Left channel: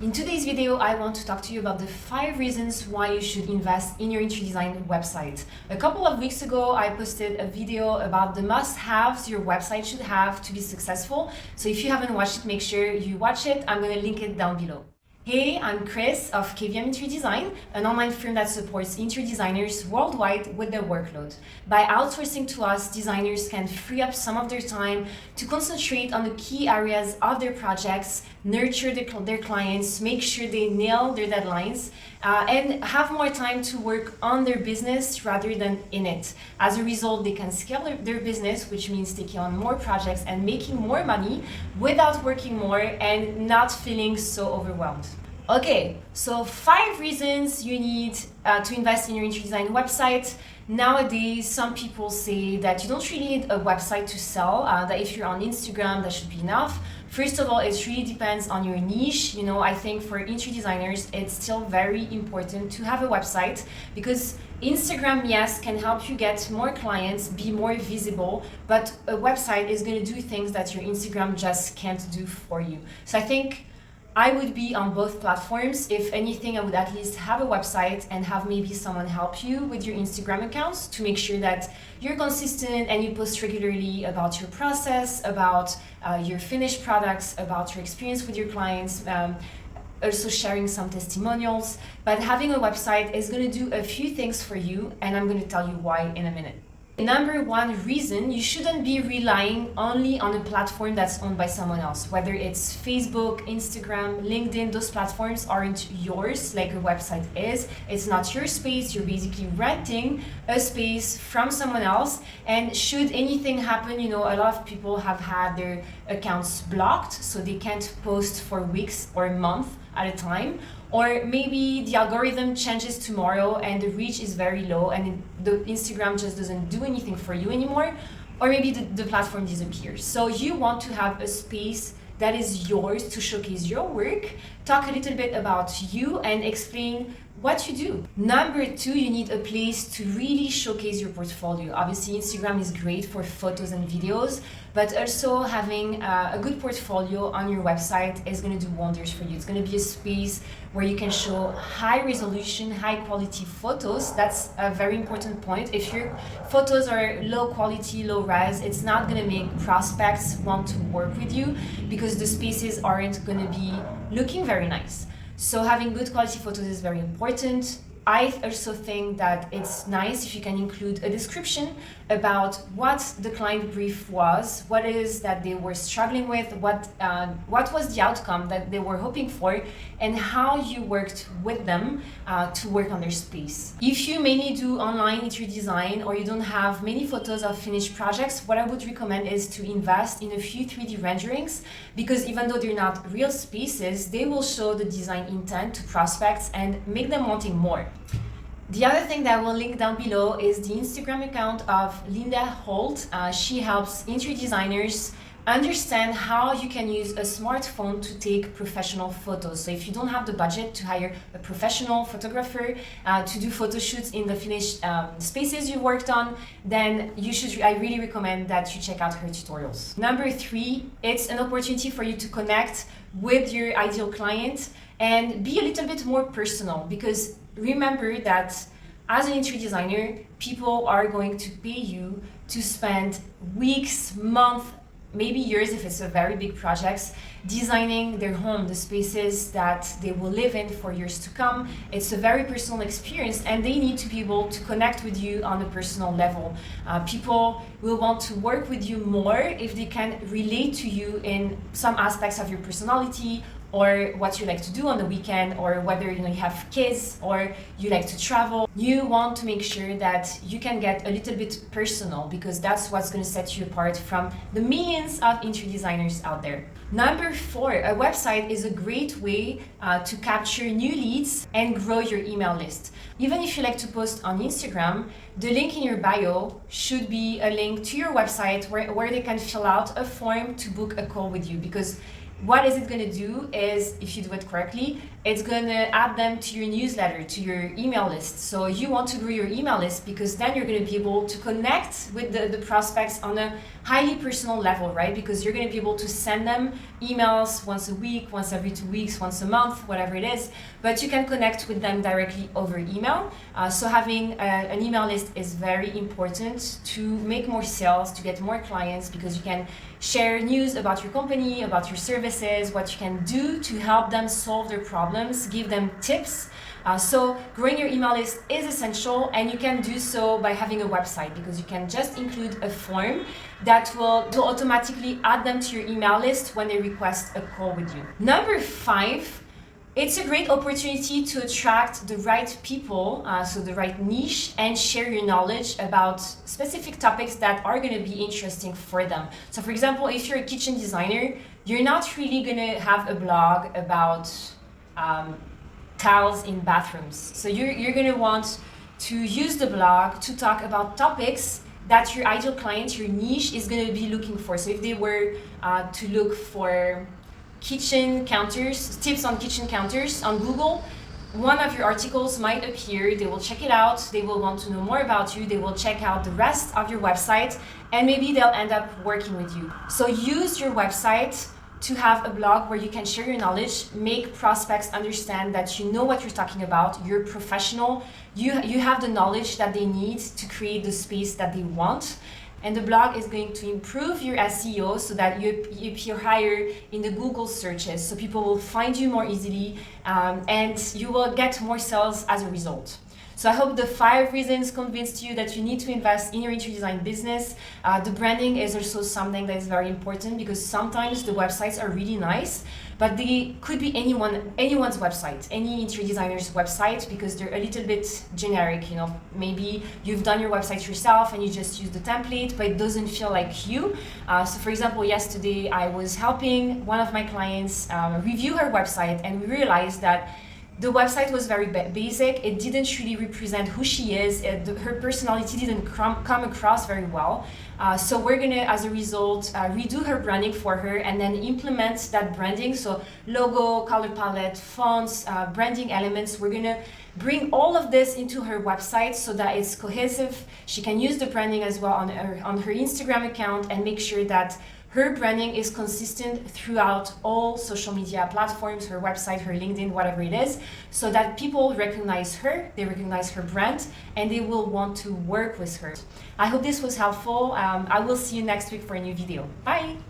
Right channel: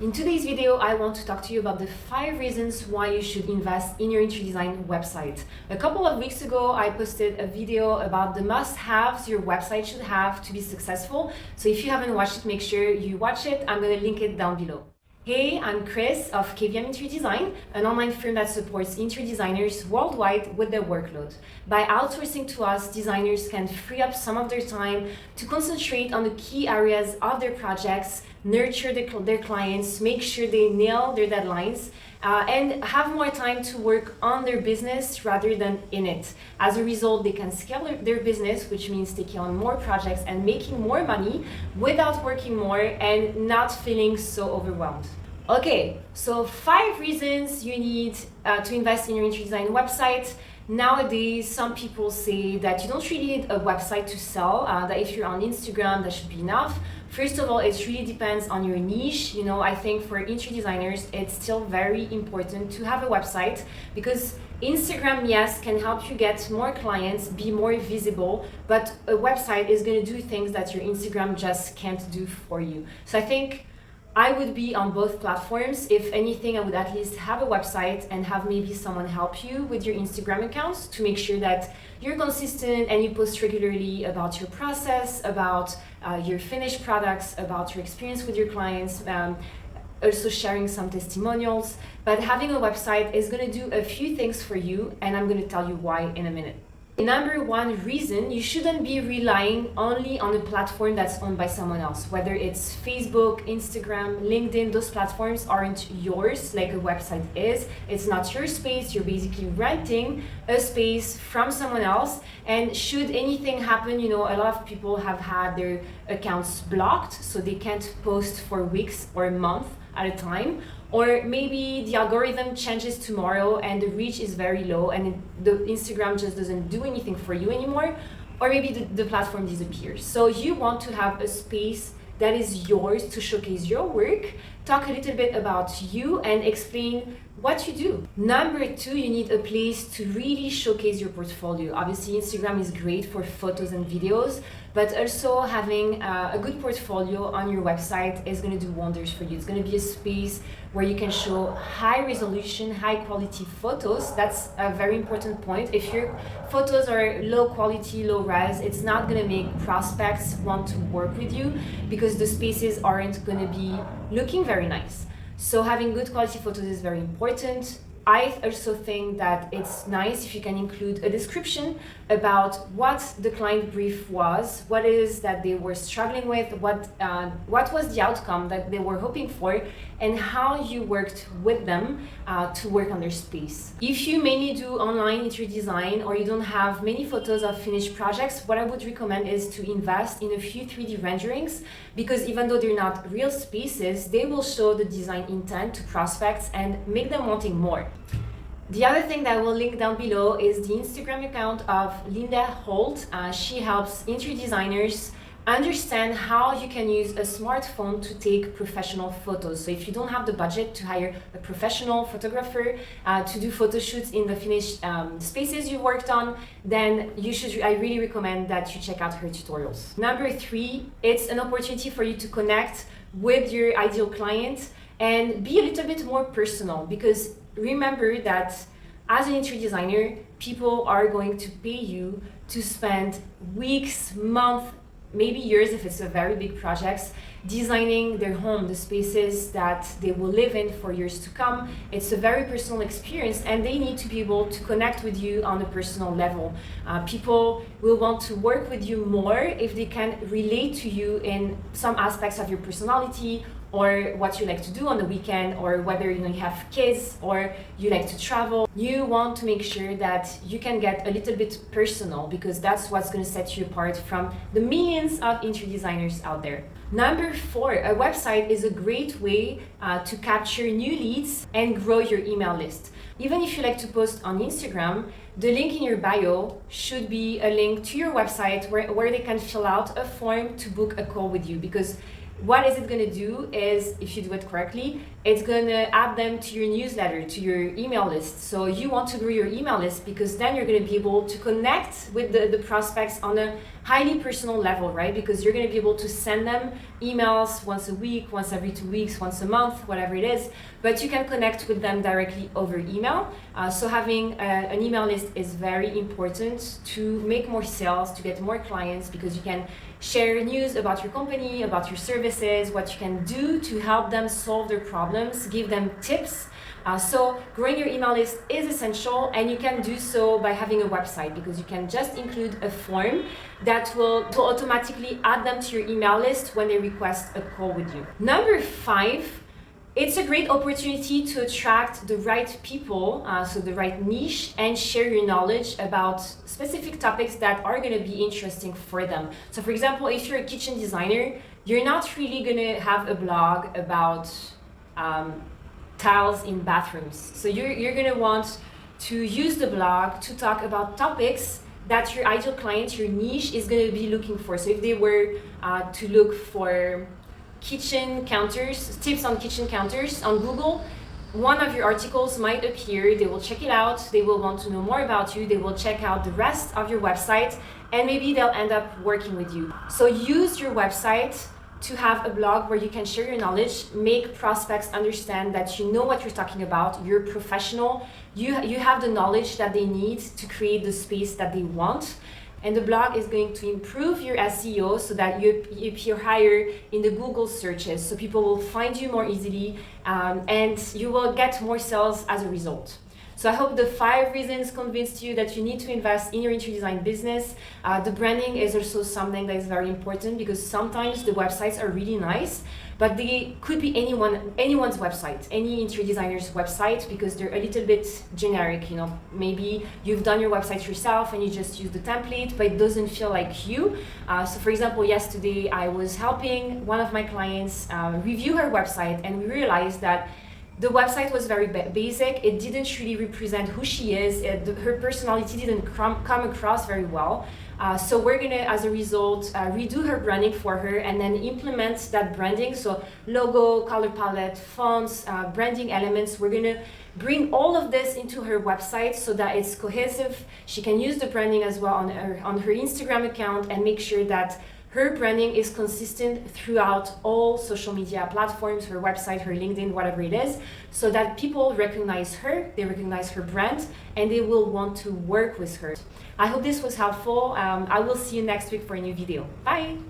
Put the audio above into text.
In today's video, I want to talk to you about the 5 reasons why you should invest in your interior design website. A couple of weeks ago, I posted a video about the must-haves your website should have to be successful. So if you haven't watched it, make sure you watch it. I'm going to link it down below. Hey, I'm Chris of KVM Interior Design, an online firm that supports interior designers worldwide with their workload. By outsourcing to us, designers can free up some of their time to concentrate on the key areas of their projects, nurture their clients, make sure they nail their deadlines, and have more time to work on their business rather than in it. As a result, they can scale their business, which means taking on more projects and making more money without working more and not feeling so overwhelmed. Okay, so 5 reasons you need to invest in your interior design website. Nowadays, some people say that you don't really need a website to sell, that if you're on Instagram, that should be enough. First of all, it really depends on your niche. I think for interior designers, it's still very important to have a website because Instagram, yes, can help you get more clients, be more visible, but a website is going to do things that your Instagram just can't do for you. So I think I would be on both platforms. If anything, I would at least have a website and have maybe someone help you with your Instagram accounts to make sure that you're consistent and you post regularly about your process, about your finished products, about your experience with your clients, also sharing some testimonials. But having a website is going to do a few things for you, and I'm going to tell you why in a minute. Number 1 reason, you shouldn't be relying only on a platform that's owned by someone else. Whether it's Facebook, Instagram, LinkedIn, those platforms aren't yours like a website is. It's not your space. You're basically renting a space from someone else. And should anything happen, a lot of people have had their accounts blocked, so they can't post for weeks or a month at a time. Or maybe the algorithm changes tomorrow and the reach is very low and the Instagram just doesn't do anything for you anymore. Or maybe the platform disappears. So you want to have a space that is yours to showcase your work, talk a little bit about you and explain what you do. Number 2, you need a place to really showcase your portfolio. Obviously, Instagram is great for photos and videos, but also having a good portfolio on your website is going to do wonders for you. It's going to be a space where you can show high resolution, high quality photos. That's a very important point. If your photos are low quality, low res, it's not going to make prospects want to work with you because the spaces aren't going to be looking very nice. So having good quality photos is very important. I also think that it's nice if you can include a description about what the client brief was, what it is that they were struggling with, what was the outcome that they were hoping for, and how you worked with them to work on their space. If you mainly do online interior design or you don't have many photos of finished projects, what I would recommend is to invest in a few 3D renderings because even though they're not real spaces, they will show the design intent to prospects and make them wanting more. The other thing that I will link down below is the Instagram account of Linda Holt. She helps interior designers understand how you can use a smartphone to take professional photos. So if you don't have the budget to hire a professional photographer to do photo shoots in the finished spaces you worked on, then I really recommend that you check out her tutorials. Number 3, it's an opportunity for you to connect with your ideal client and be a little bit more personal because remember that as an interior designer, people are going to pay you to spend weeks, months, maybe years if it's a very big project, designing their home, the spaces that they will live in for years to come. It's a very personal experience and they need to be able to connect with you on a personal level. People will want to work with you more if they can relate to you in some aspects of your personality or what you like to do on the weekend, or whether you have kids or you like to travel. You want to make sure that you can get a little bit personal because that's what's going to set you apart from the millions of interior designers out there. Number 4, a website is a great way to capture new leads and grow your email list. Even if you like to post on Instagram, the link in your bio should be a link to your website where they can fill out a form to book a call with you because what is it going to do is, if you do it correctly, it's going to add them to your newsletter, to your email list. So you want to grow your email list because then you're going to be able to connect with the prospects on a highly personal level, right? Because you're going to be able to send them emails once a week, once every 2 weeks, once a month, whatever it is, but you can connect with them directly over email. So having an email list is very important to make more sales, to get more clients, because you can share news about your company, about your services, what you can do to help them solve their problems, give them tips. So growing your email list is essential, and you can do so by having a website, because you can just include a form that will automatically add them to your email list when they request a call with you. Number 5, it's a great opportunity to attract the right people, so the right niche, and share your knowledge about specific topics that are going to be interesting for them. So for example, if you're a kitchen designer, you're not really going to have a blog about tiles in bathrooms. So you're going to want to use the blog to talk about topics that your ideal client, your niche, is going to be looking for. So if they were to look for kitchen counters, tips on kitchen counters on Google, one of your articles might appear. They will check it out, they will want to know more about you, they will check out the rest of your website, and maybe they'll end up working with you. So use your website to have a blog where you can share your knowledge, make prospects understand that you know what you're talking about, you're professional, you have the knowledge that they need to create the space that they want. And the blog is going to improve your SEO so that you appear higher in the Google searches, so people will find you more easily, and you will get more sales as a result. So I hope the 5 reasons convinced you that you need to invest in your interior design business. The branding is also something that is very important, because sometimes the websites are really nice, but they could be anyone's website, any interior designer's website, because they're a little bit generic. You know, maybe you've done your website yourself and you just use the template, but it doesn't feel like you. So for example, yesterday I was helping one of my clients review her website, and we realized that the website was very basic. It didn't really represent who she is. Her personality didn't come across very well. So we're gonna, as a result, redo her branding for her, and then implement that branding. So logo, color palette, fonts, branding elements. We're gonna bring all of this into her website so that it's cohesive. She can use the branding as well on her Instagram account, and make sure that her branding is consistent throughout all social media platforms, her website, her LinkedIn, whatever it is, so that people recognize her, they recognize her brand, and they will want to work with her. I hope this was helpful. I will see you next week for a new video. Bye!